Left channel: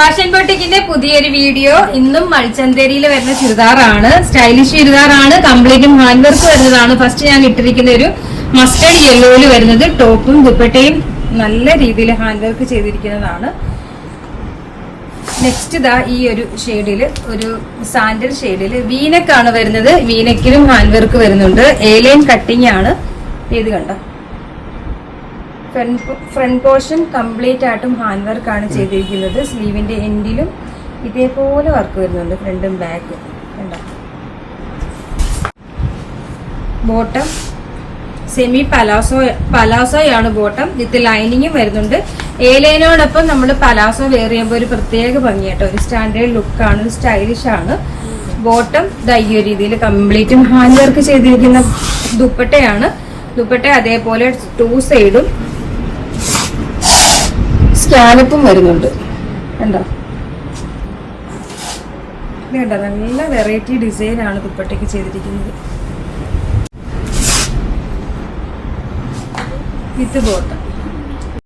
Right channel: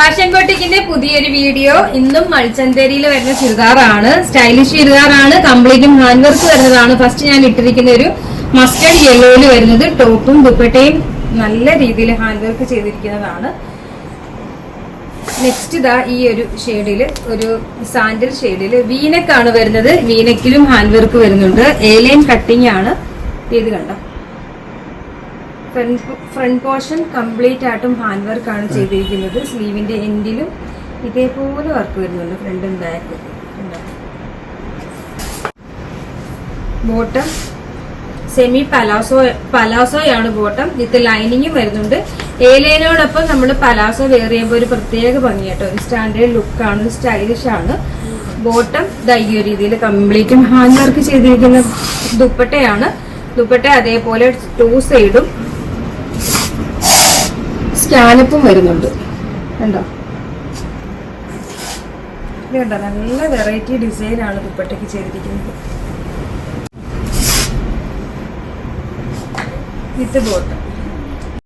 Fashion ബോട്ടിക്കിന്റെ പുതിയൊരു video. ഇന്നും മൾച്ചന്തേരിയിൽ വരുന്ന ചുരിദാറാണ്, സ്റ്റൈലിഷ് ചുരിദാറാണ്, കംപ്ലീറ്റും ഹാൻഡ് വർക്ക് വരുന്നതാണ്. ഫസ്റ്റ് ഞാൻ ഇട്ടിരിക്കുന്ന ഒരു മസ്റ്റേർഡ് യെല്ലോയിൽ വരുന്നത്, ടോപ്പും ദുപ്പട്ടയും നല്ല രീതിയിൽ ഹാൻഡ് വർക്ക് ചെയ്തിരിക്കുന്നതാണ്. നെക്സ്റ്റ് ഇതാ ഈ ഒരു ഷെയ്ഡില്, ഒരു സാൻഡൽ ഷെയ്ഡില് വീനക്കാണ് വരുന്നത്. വീനക്കിലും ഹാൻഡ് വർക്ക് വരുന്നുണ്ട്. എ-ലൈൻ കട്ടിംഗ് ആണ്. ഇത് കണ്ടോ, ഫ്രണ്ട് പോർഷൻ കംപ്ലീറ്റ് ആയിട്ടും ഹാൻഡ് വർക്ക് ആണ് ചെയ്തിരിക്കുന്നത്. സ്ലീവിന്റെ എൻഡിലും ഇതേപോലെ വർക്ക് വരുന്നുണ്ട്, ഫ്രണ്ടും ബാക്ക്. ബോട്ടം സെമി പലാസോയാണ് ബോട്ടം, വിത്ത് ലൈനിങ്ങും വരുന്നുണ്ട്. എ ലൈനോടൊപ്പം നമ്മൾ പലാസോ വെയർ ചെയ്യുമ്പോൾ ഒരു പ്രത്യേക ഭംഗിയാട്ടോ, ഒരു സ്റ്റാൻഡേർഡ് ലുക്കാണ്, സ്റ്റൈലിഷ് ആണ്. ബോട്ടം ഈ ഒരു രീതിയിൽ കംപ്ലീറ്റും ഹാൻഡ് വർക്ക് ചെയ്തിരിക്കുന്ന ദുപ്പട്ടയാണ്. ദുപ്പട്ട അതേപോലെ 2 സൈഡും സ്കാനപ്പും വരുന്നുണ്ട്. കണ്ടോ, ഇത് കണ്ടോ, നല്ല വെറൈറ്റി ഡിസൈൻ ആണ് ദുപ്പട്ടയ്ക്ക് ചെയ്തിരിക്കുന്നത്. വിത്ത് ബോട്ടം